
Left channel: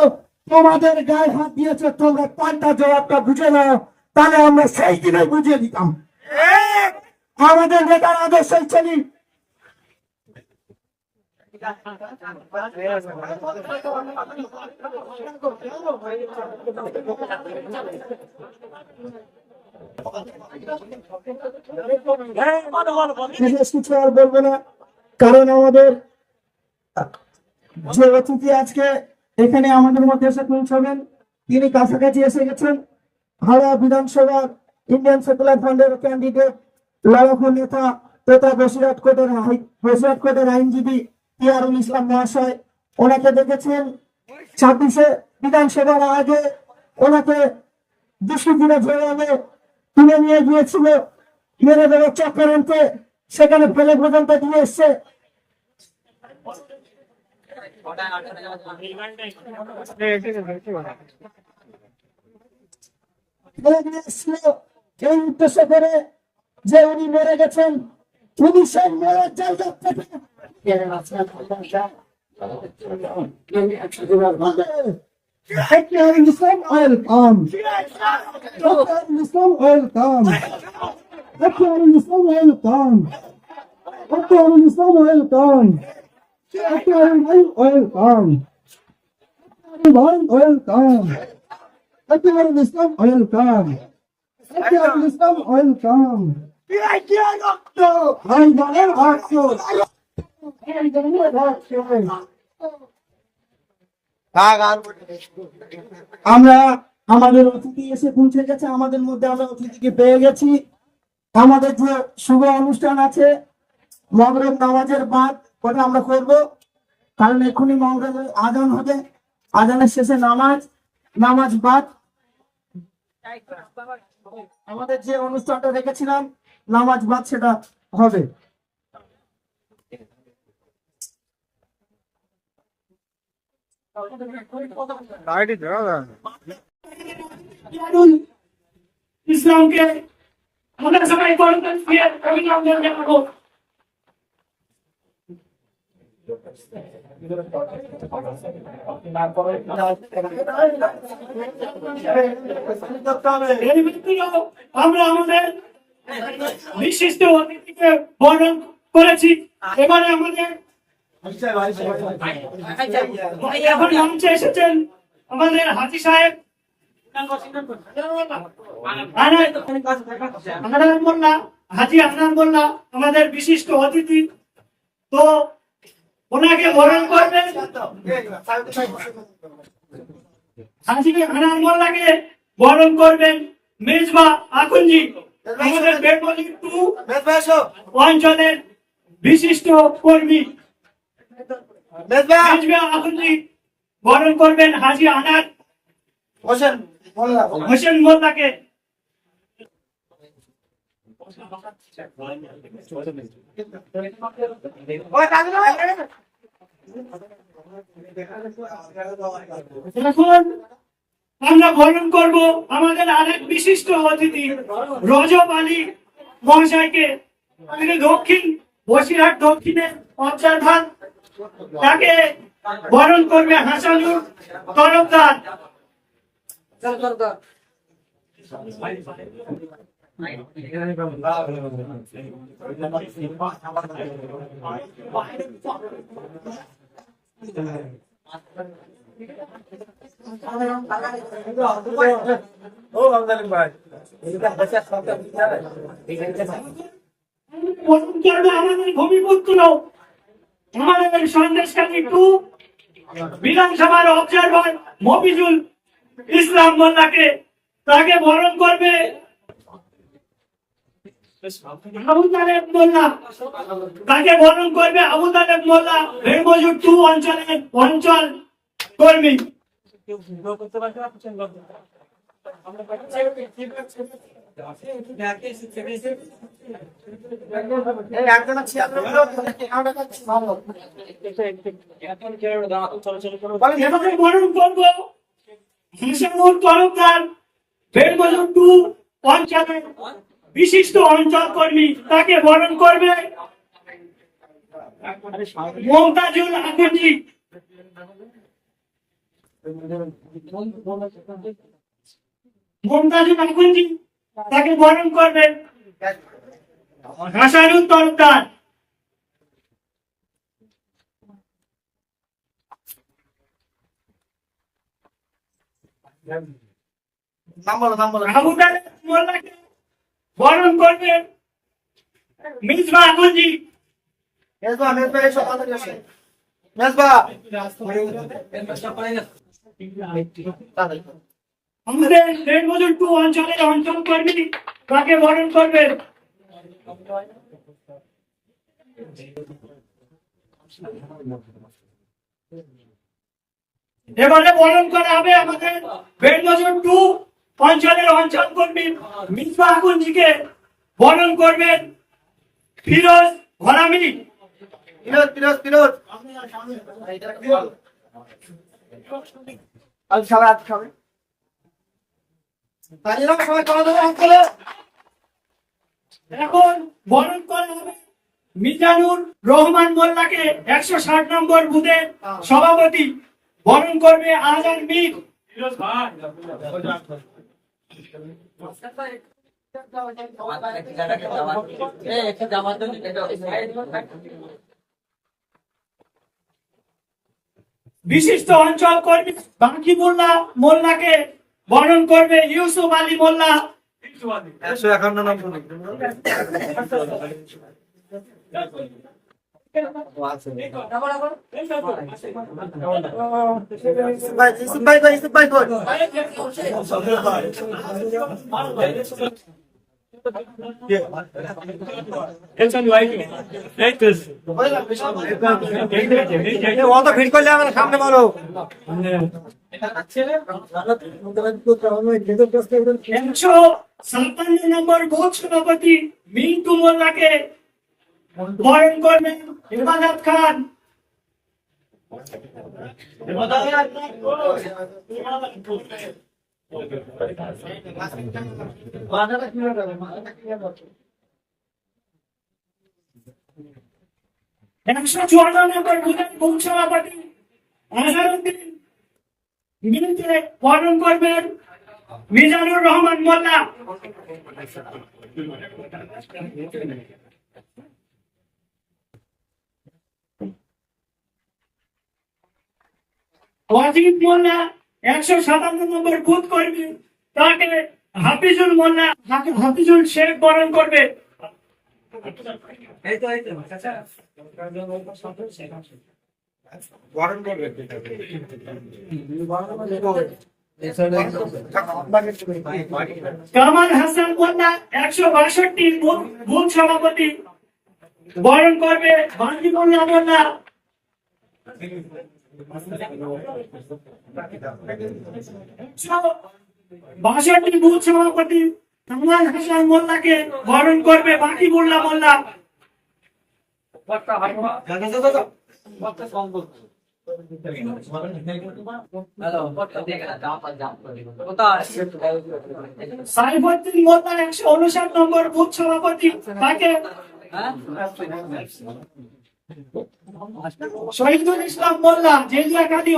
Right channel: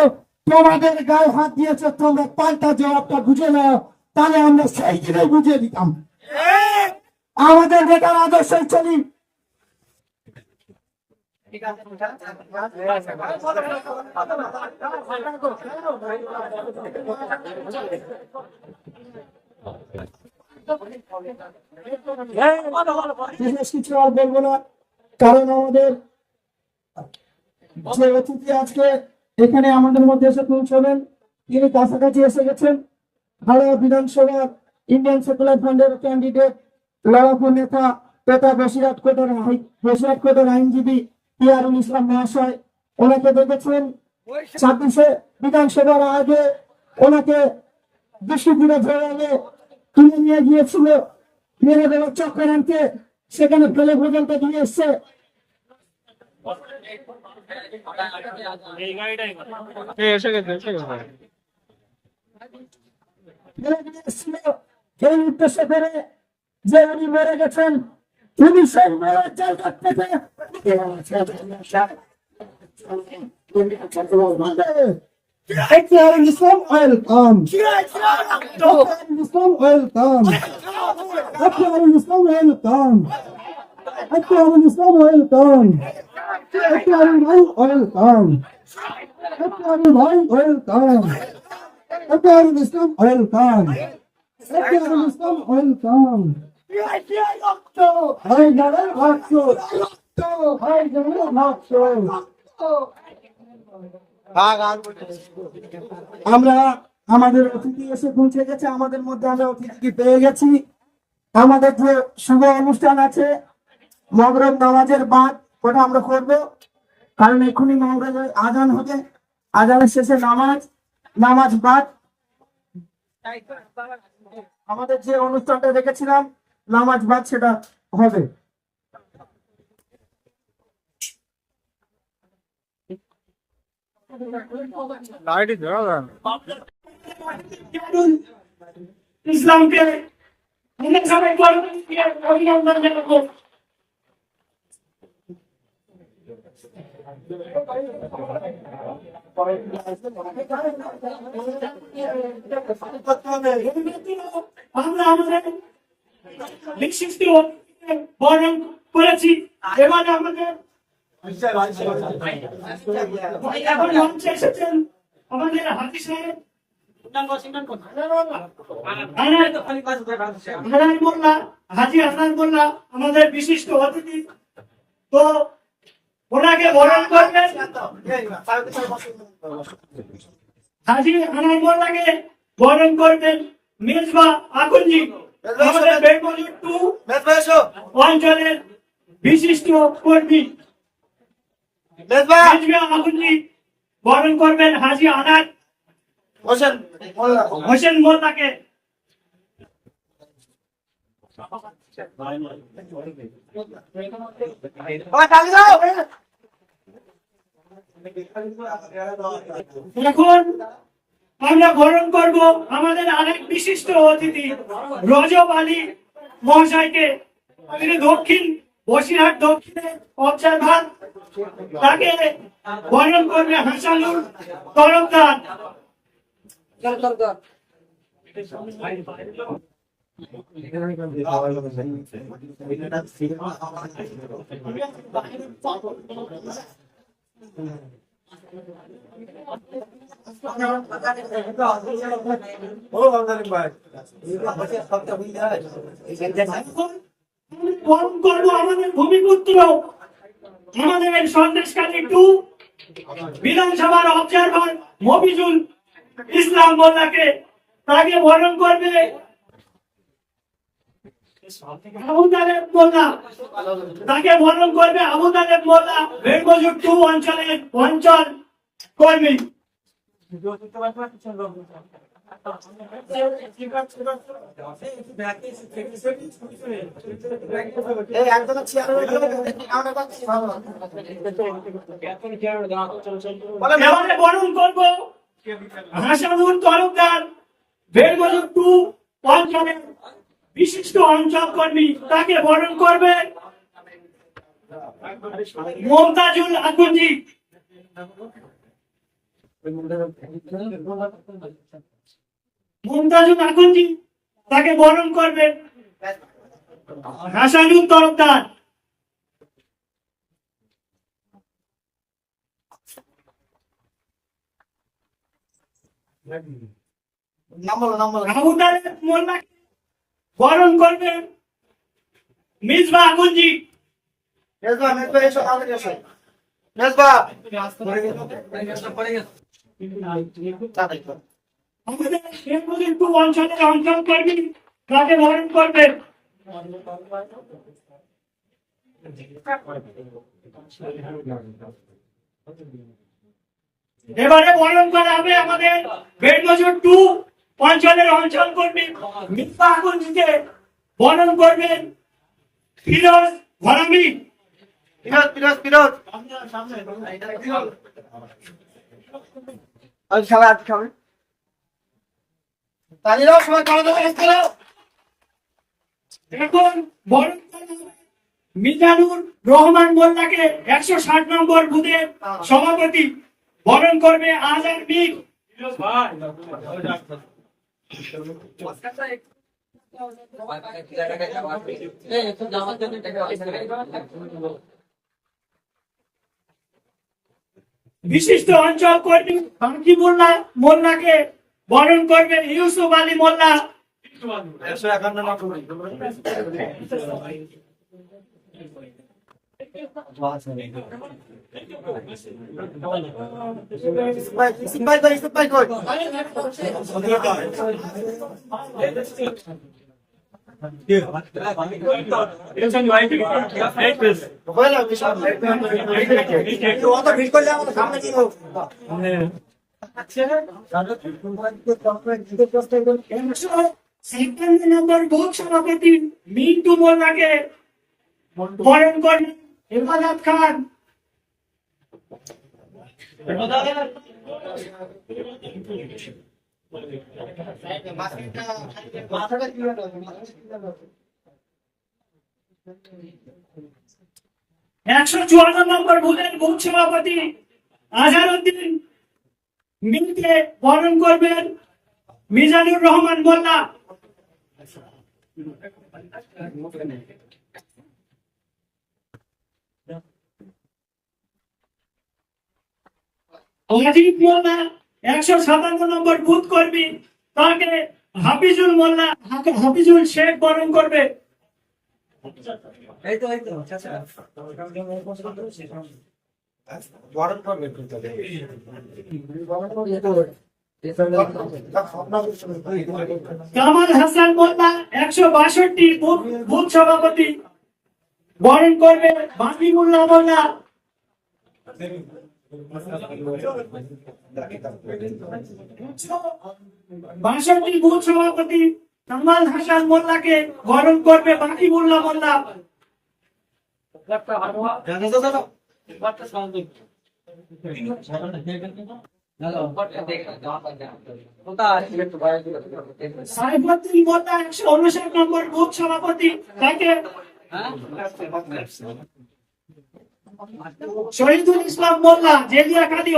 তোমাদের গায়ে হাত দিয়েছে, তোমরা পাল্টা জবাবটা বুঝে নাও, তাহলে আমরা সেই দিনে বুঝিয়ে দিতাম। আমাদের নেতার আদর্শে চলি। বিশেষ কিছু আর বলবো না, কারণ আমাদের যে অতিথি আজকে এখানে আমাদের মধ্যে এসে পৌঁছবেন, তিনি কাছাকাছি এসে গেছেন। হাওড়া বিধানসভার ইন্ডিয়ান সেকুলার ফ্রন্টের ক্যান্ডিডেট, লড়াকু নেতা তথা বসিরহাট কোর্টের আইনজীবী পিয়ারুল ইসলাম মহাশয়, ওনাকে দেখেছেন 26শে বিধানসভার আগে ওনাকে দুষ্কৃতীরা জড়ালে তুলে নিয়ে গিয়েছিল, মেরে দেওয়ার চক্রান্তে সেখানে ফেলে পর্যন্ত দিয়ে এসছে। এই উদ্দেশ্য করে যে উনি মরে গেছেন, উনি সেই মরার জায়গা থেকে ইসলাম ওয়েলকাম, ইসলাম ওয়েলকাম, ইসলাম ওয়েলকাম, ইসলাম ওয়েলকাম, ভাই ওয়েলকাম, ভাই ওয়েলকাম, ইসলাম ওয়েলকাম, ইসলাম ওয়েলকাম। আমরা আমাদের অতিথি এসে পৌঁছে গেছে, আমাদের মধ্যে আমরা অতিথিকে পেয়ে গেছি। আমাদের যে শুভ অনুষ্ঠান আছে মগরব নামাজের বাদ, ওটা আমরা করবো, কারণ এক্ষুনি মগরবের আজান হবে, আজানের শেষে নামাজ বাদ আমাদের যে অনুষ্ঠানটা রেখেছিলাম নামাজ বাদ সেটা হবে। ইসলামকে আমরা সবাই অভিনন্দন জানাবো। আমরা আমাদের বিশিষ্ট অতিথিকে বরণ করেছি। এবারে আমাদের এখন মঞ্চে এসেছেন আমাদের হাজি সাহেব হাজি হাসান মোল্লা, আমাদের বিশিষ্ট অতিথি। তো ওনাকে বরণ করবেন হাজি হাসান মোল্লাকে বরণ করবেন মেজবা আকুনজি। আমাদের বেঙ্গলি টু অঞ্চলের বিশিষ্ট কর্মী মেজবা আবুদ্দিন বরণ করবেন হাজী আনার হোসেন মোল্লাকে। এখন আমরা বরণ করব আমাদের আরেক বিশিষ্ট অতিথি রজব আলী মহাশয়কে। তিনি দক্ষিণ বসিরহাট দক্ষিণের অবজারভার, তাকে বরণ করবে হাসানুর তরফদার। বরণ করবো আমাদের ভূমিপুত্র, আমাদের সন্দেশখালী টু বিধানসভার অবজারভার মফিজুল ইসলাম মোল্লাকে। তাকে বরণ করবে আবু তালেব মোল্লা। তাকে বরণ করবে আবু তালেব মোল্লা, বেঙ্গলি টু অঞ্চলের অঞ্চল কর্মী। এবারে বরণ করবো হাসানুর তরফদার, বেঙ্গলি টু অঞ্চলের বিশিষ্ট অঞ্চল কর্মী। তাকে বরণ করবে মমতাজুল আকুঞ্জি। মমতাজুল আকুঞ্জি তাকে বরণ করবে হাসানুর তরফদার। আবু তালেব মোল্লাকে বরণ করবে মিসবাহ আকুঞ্জি। আমাদের বেঙ্গলি টু অঞ্চলের অঞ্চল কর্মী, তাকে বরণ করবে এবারে বরণ করা হবে আমাদের বেঙ্গলি টু অঞ্চলের অঞ্চল কর্মী মিসবাহ আকুঞ্জিকে। বরণ করবেন ফিরোজ ঘরামি। এখন বরণ করা হবে মিজানুর রহমান মোল্লাকে, 160 নম্বর বুথের সভাপতি। বরণ করবে আজহার মীর। বিশিষ্ট অঞ্চল কর্মী বাকিবুল্লাহ মোল্লাকে বরণ করবে ইউসুফ আলী মোল্লা। ভিড় করলে আমার সামনে মারো। 157 নম্বর বুথ সভাপতি মিন্টু মোল্লাকে বরণ করবেন ইবাদত খান। একশো 54 নম্বর বুথের বুথ সভাপতি আজহারউদ্দিন মিলকে বরণ করবেন মিজানুর রহমান মোল্লা। ওয়াজিব মোল্লা 157 নম্বর বুথ কর্মী, তাকে হাফিজুল মোল্লা হাফিজুল শেখ বরণ করবে। কামাল হাসান মোল্লা 162 বুথ সভাপতি বরণ করবে বাকিবুল্লাহ মোল্লা। 162 বুথ সভাপতি কামাল হাসান মোল্লাকে বরণ করবে বাকিবুল্লাহ মোল্লা। সাইফুদ্দিন মোল্লা 159 নম্বর বুথ সভাপতি, তাকে শহীদুল ইসলাম মোল্লা জেলিয়াখালী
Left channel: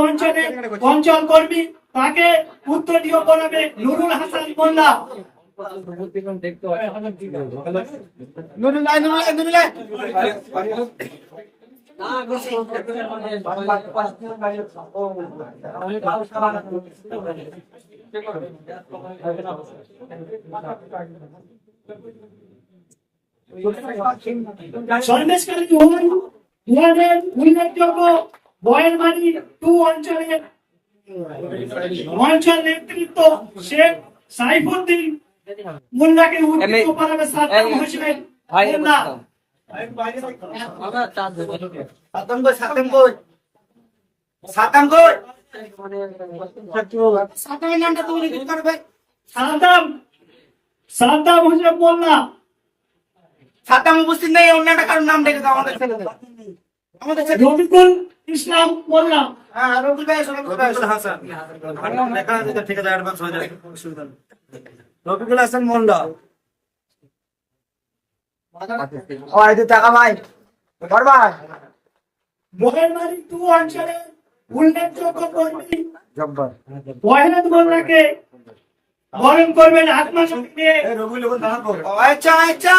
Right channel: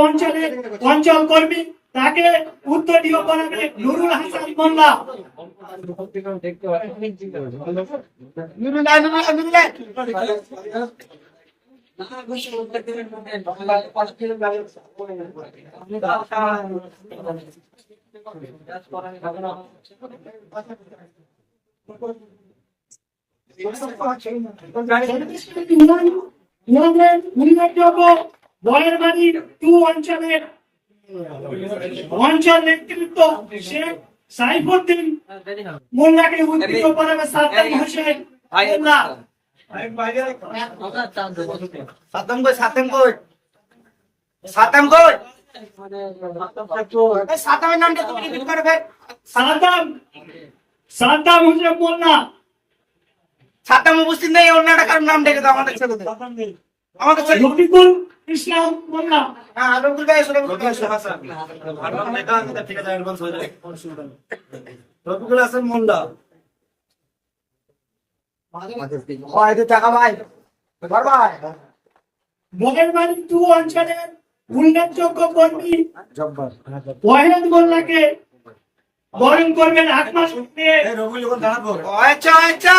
অঞ্চল কর্মী, তাকে উত্তরীয় করাবে নুরুল হাসান মোল্লা। সন্দেশখালী ওয়ানের উল্লেখযোগ্য বয়েরমারি 2 অঞ্চল নেতৃত্ব শেখ সাইফুদ্দিন মোল্লাকে উত্তরীয় করাবে সাদ্দাম হোসেন মোল্লা। সাদ্দাম হোসেন মোল্লা। সাদ্দাম উপস্থিত নেই, অন্য একটা কারোর নাম ডেকে দাও আমাদের ছেলেদের। আমাদের ছেলে রফিকুল ইসলাম মোল্লা। হ্যাঁ, রফিকুল ভাই এসো, রফিকুল ভাই এসো। রফিকুল হাসান মোল্লা। টাকা ভাই বয়েরমারি 2 অঞ্চলের উল্লেখযোগ্য কর্মী ওয়াহিদ মোল্লাকে বরণ করবেন আত্মা নিয়ে। আচ্ছা আচ্ছা,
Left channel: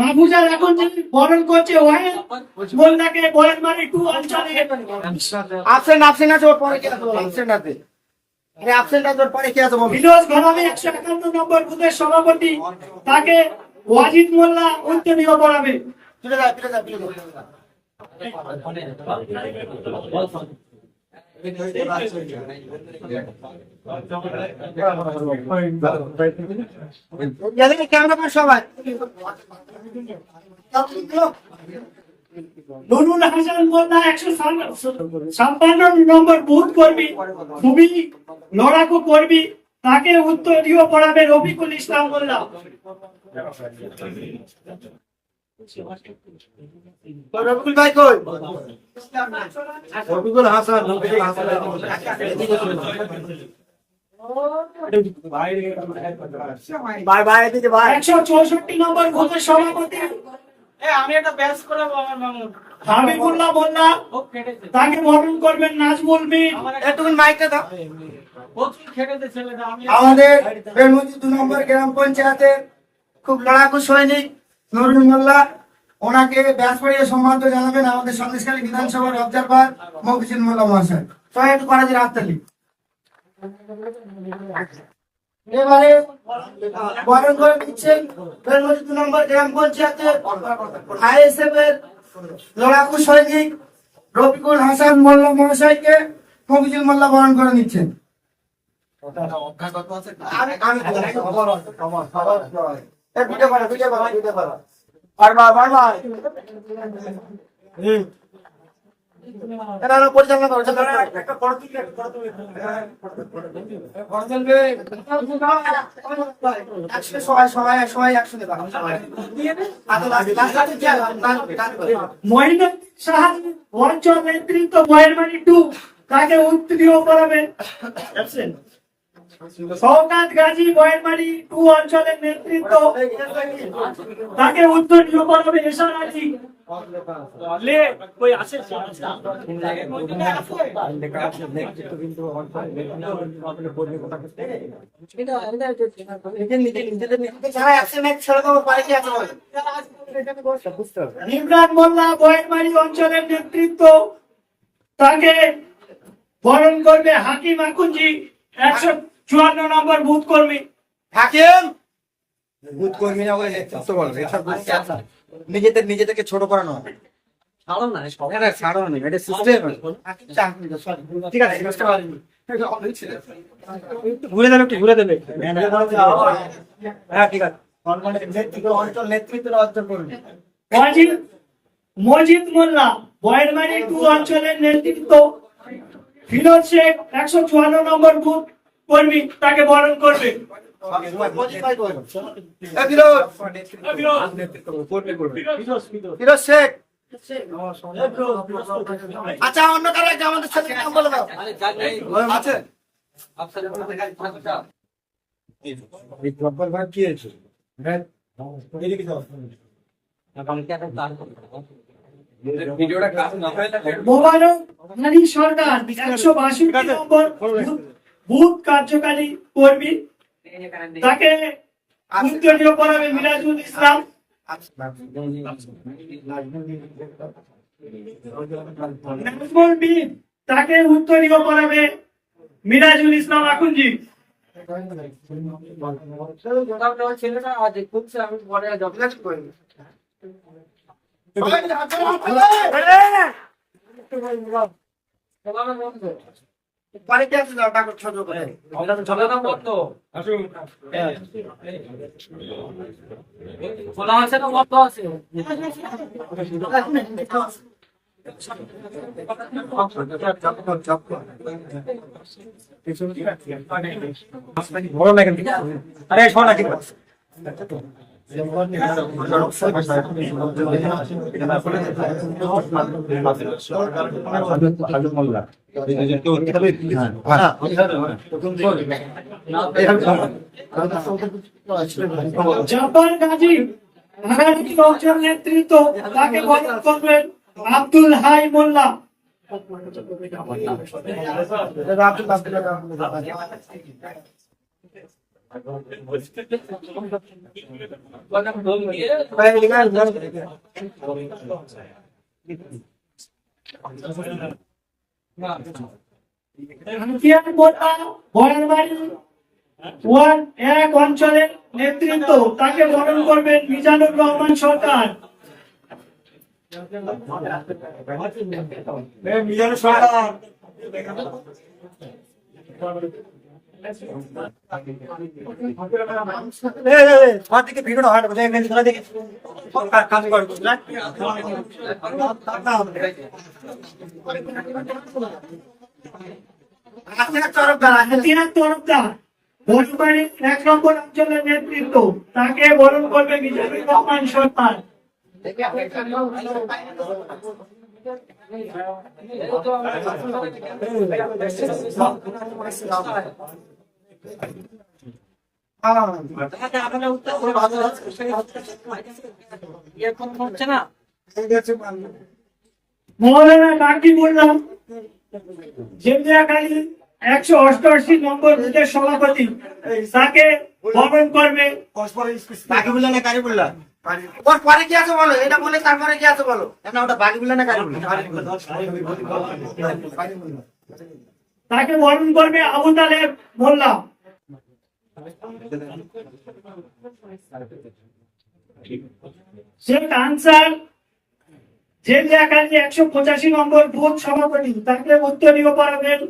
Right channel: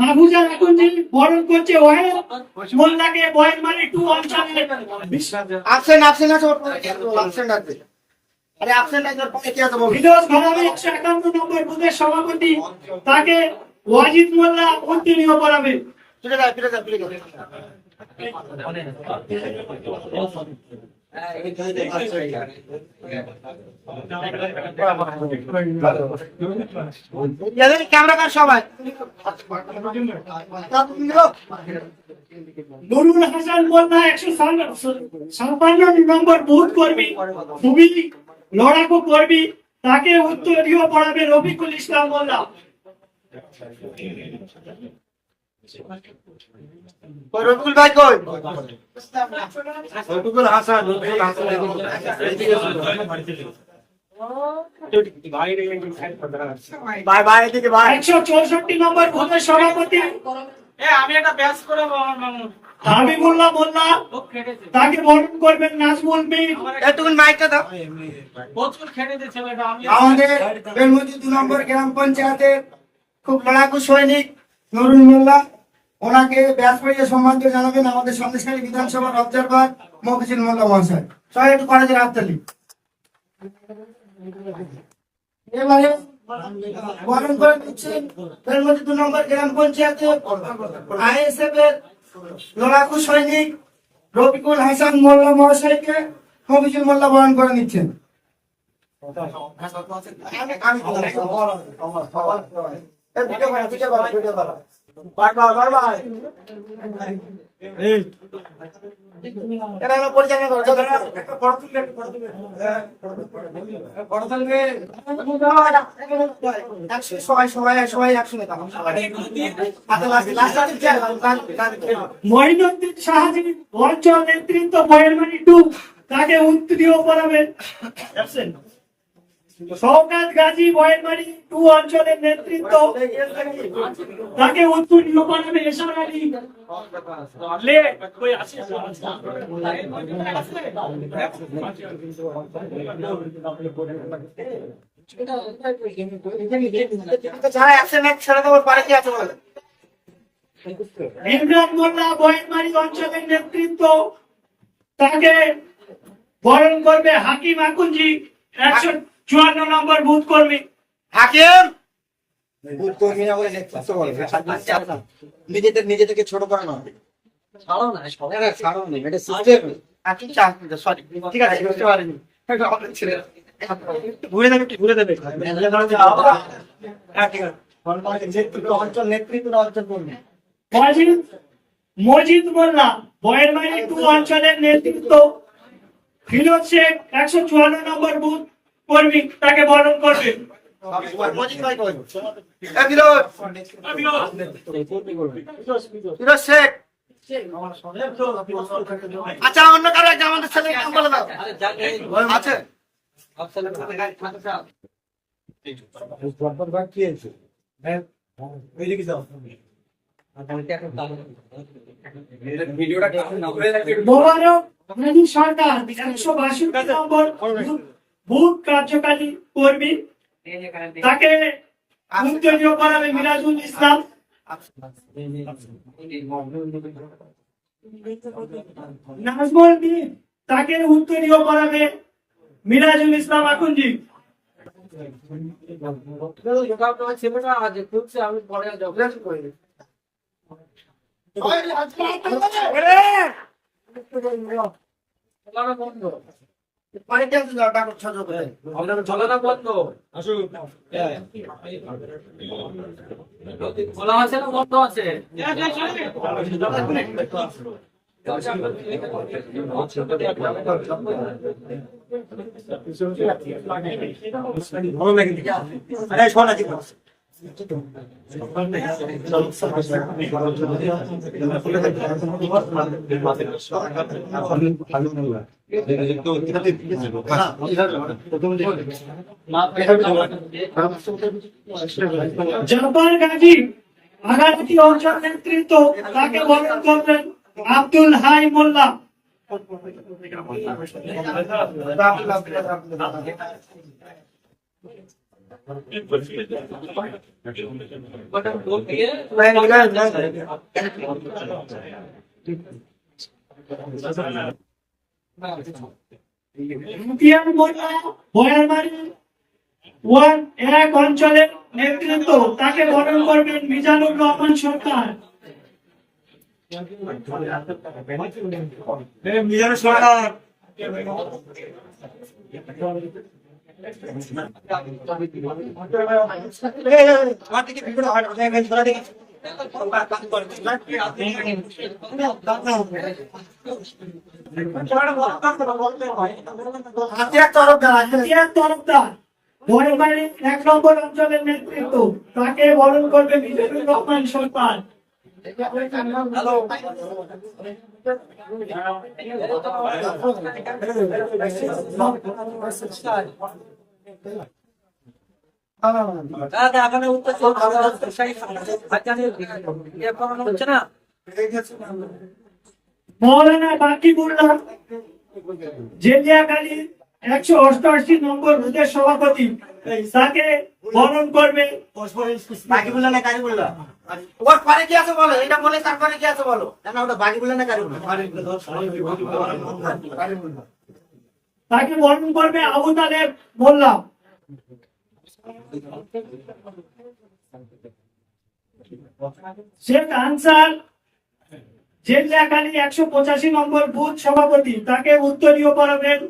মাহফুজা এখন যে বরণ করছে ওয়াহিদ মোল্লাকে বয়েরমারি 2 অঞ্চলের absent আছে, ওর পরে কে আছে? absent আছে। আরে absent আছে, ওর পরে কে আছে বল? ফিরোজ ঘরামি 151 নম্বর বুথের সভাপতি, তাকে ওয়াজিদ মোল্লা উত্তরীয় করাবে। ফিরে যা, ফিরে যা, ফিরে যা। ক্যামেরা কার সবাই? নুরুল হাসান মোল্লা 156 নম্বর বুথ কর্মী, খুবই লড়াকু কর্মী, তাকে উত্তরীয় পড়াবে রফিকুল ইসলাম মোল্লা। রফিকুল ভাই কই? রফিকুল হাসান ভাই ভাই এদিকে ভাই। 164 নম্বর বুথের সভাপতি হাবিবুল্লাহ মোল্লা, তাকে বরণ করবেন নাজমুল মির। একটুকুন মাইকটা দাও। আমাদের বেলমুজি 2 নম্বর গ্রাম পঞ্চায়েতের খুব লড়াকু সৈনিক নুরুল মোল্লা, ওনাকে ব্যাস পড়িয়ে সম্মান জানাবেন আমাদের সন্দেশখালী বিধানসভার অবজারভার মফিজুল মোল্লা মহাশয়। সবাই একটু কলেজের হাততালি। এবারে বরণ করে দিচ্ছেন বেলমুজি 2 নম্বর গ্রাম পঞ্চায়েতের আইএসএফ এর লড়াকু সৈনিক রফিকুল হাসান মোল্লা মহাশয়কে মফিজুল মোল্লা বরণ করে নিচ্ছেন। পরিচালনা করো সবাই একসঙ্গে মঈনুদ্দিন শাহজি অঞ্চল নেতৃত্ব বয়েরমারি 2, তাকে উত্তরীয় করাবে শওকাত গাজী বয়েরমারি 2 অঞ্চলের নেতৃত্ব, তাকে উত্তরীয় করাবে এশার আলী। ইমরান মোল্লা বয়েরমারি অঞ্চলের নেতৃত্ব, তাকে বরণ করবে হাকিম আকুঞ্জি 154 নম্বর বুথ কর্মী। হাকিম নিজেদেরকে ছোট করানো ঠিক আছে বুঝতে পারিনি ঘুরে দেবে ঘুরে দেবে হ্যাঁ ঠিক আছে অঞ্চল নেতৃত্ব অঞ্চল করবে মজিদ মোল্লা বয়েরমারি 2 অঞ্চলের নেতৃত্ব। ফিরোজ শেখ 154 নম্বর বুথ কর্মী, তাকে বরণ করবে। ফিরোজ শেখ আচ্ছা অন্য কারো একটা আমাদের ছেলের নাম বলে দাও আছে মোবারক আলী সরকার 162 নম্বর বুথ কার্যকারী কর্মী, তাকে উত্তরীয় করাবে মিরাজুল ইসলাম। নাজমুল মির, তাকে উত্তরীয় করাবে মিরাজুল ইসলাম আকুঞ্জি। জাফর গাজী ভাগাড়াটি অঞ্চল নেতৃত্ব, তাকে বরণ করবেন আব্দুল হাই মোল্লা। ইমতিয়াজ মোল্লা বয়ারবাড়ি 1 অঞ্চলের নেতৃত্ব, তাকে বরণ করবেন মিজানুর রহমান সরকার। ইমতিয়াজ তরফদার বয়ারবাড়ি 1 নম্বর অঞ্চলের নেতৃত্ব, তাকে বরণ করবে মিজানুর রহমান সরকার। মৌলানা বাকি বললাম জেলিয়াখালী 188 নম্বর বুথের সভাপতি, তাকে বরণ করবে ওর পরে কি আছে বলো, এটা বলে তারপরে কি আছে বলো, ওটা বাকি বললে না তাকে বরণ করবে আবু তালেব মোল্লা। শেখ আনসার জেলিয়াখালী 185 নম্বর বুথ সভাপতি, তাকে উত্তরীয় করাবেন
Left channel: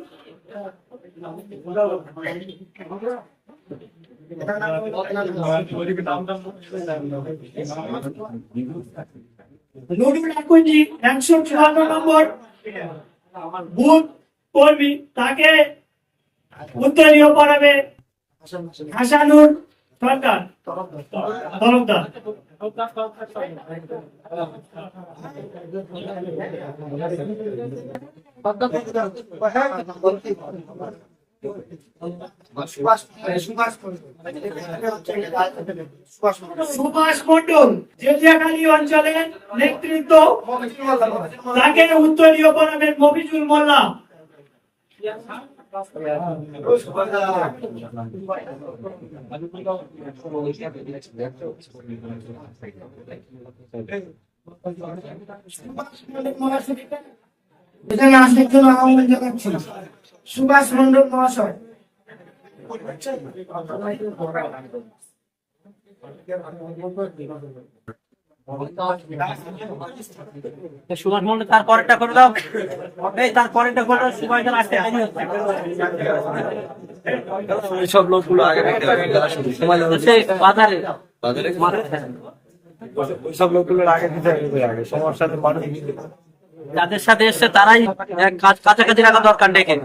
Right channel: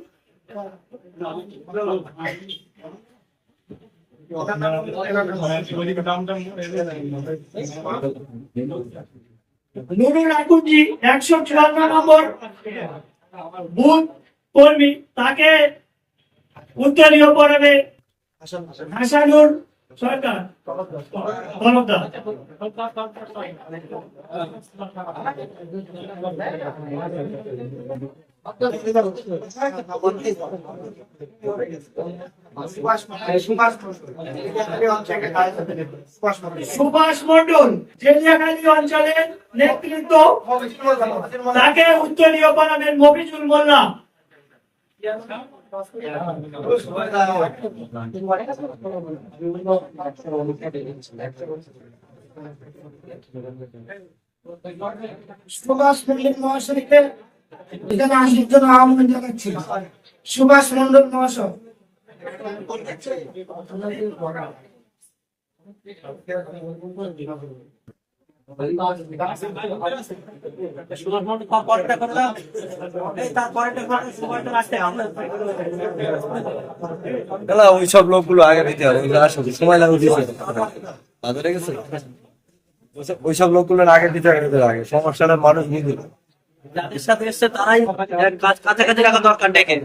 নুরুল আকুঞ্জি 154 নম্বর বুথ কর্মী, তাকে উত্তরীয় করাবে হাসানুর সরকার তরফদার। সুভাষ মন্ডল জেলিয়াখালী অঞ্চলের নেতৃত্ব, তাকে উত্তরীয় করাবেন মফিজুল মোল্লা। সুভাষ মন্ডল মহাশয়কে এখানে আসার জন্য আহ্বান জানাচ্ছি সুভাষ মন্ডল মহাশয়। সুভাষ মন্ডল তার পরেরটা করে দাও, এই তার পরেরটা করে দাও, সময় তো আসতে হবে। ওইসব লোকগুলো আগে পেতে হবে, এগুলো আসলে সময় লাগবে। বাজারে ওইসব লোকগুলো আগে দিতে হবে, আগে সমস্যাটা মানুষ বুঝবে। যাদের সাথে এসছে তারাই কাছাকাছি রাখা দরকার ডেকে।